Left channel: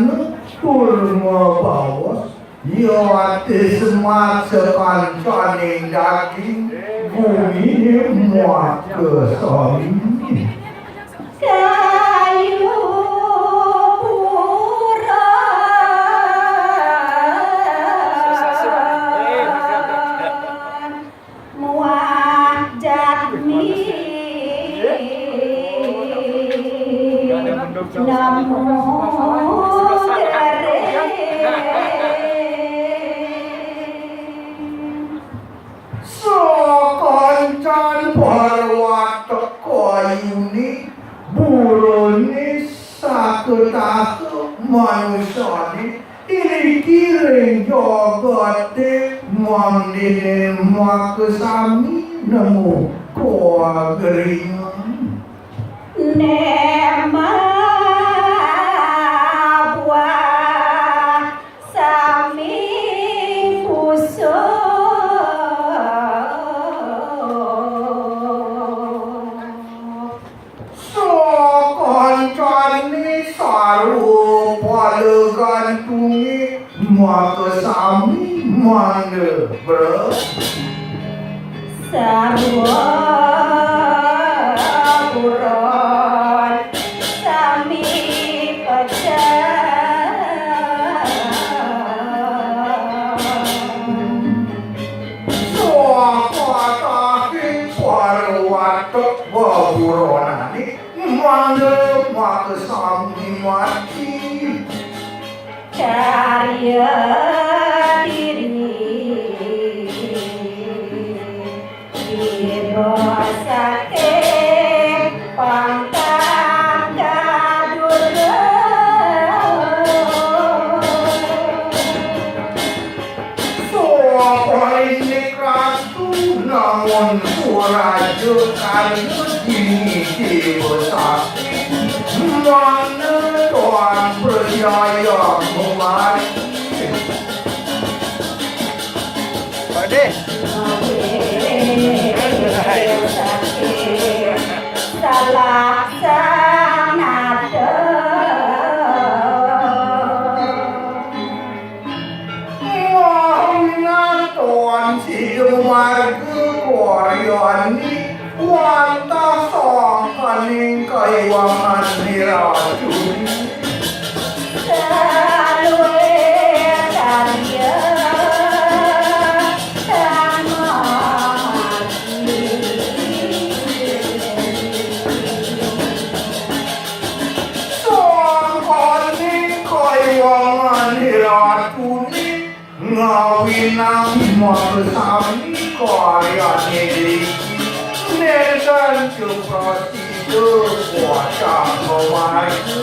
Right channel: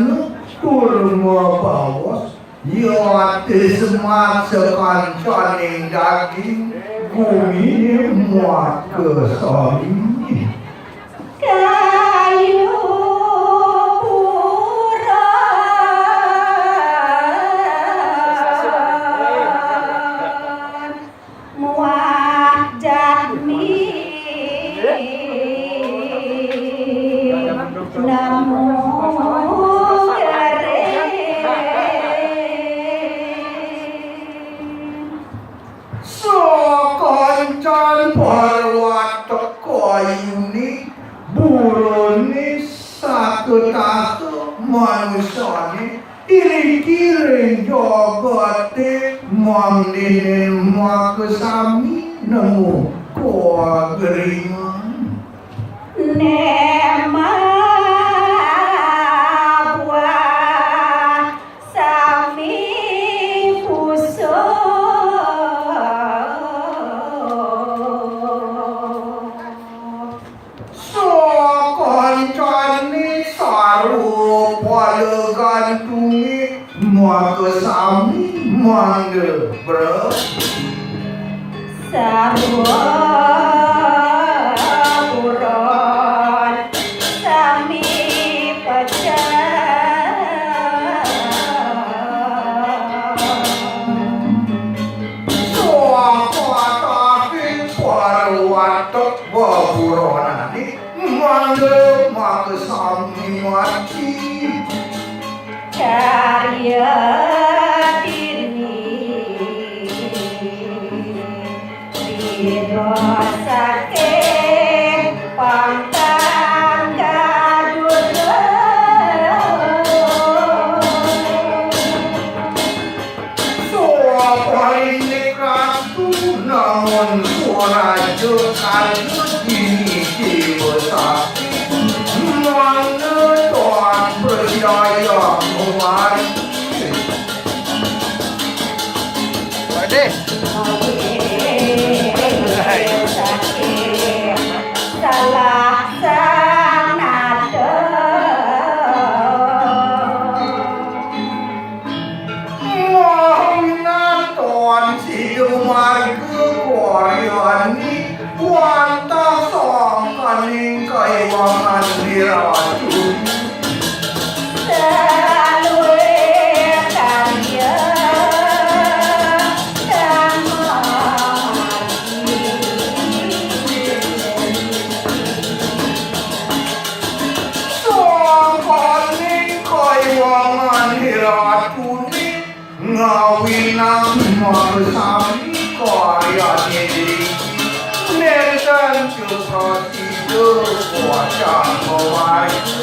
anu kurma bawas yate semat sekancane daging bumi muat ke sami kayu buron muat jadmi namun Sokoncan parwat koyuni buruni saketaku manusani ini kira jogate mandine makasami nemu koa geringan nema buah sami puso Sokoncani saru palegantungi makasami mande bro sarwa buron sami Sokotakin parwatok waburonani mande makasami mati karya diri dirosake pangkat gadura ini ratu namun suaraja kayu ini dibesaki mana Tuhan percaya mewari Pade salah sanada Mohon Tuhan sidumarga koryani wanta songkaning kaiwangan niracuni salwe karya songkaning kaiwangan niracuni ngawinang makasami karyani Nergan cuprasido wajah mewarga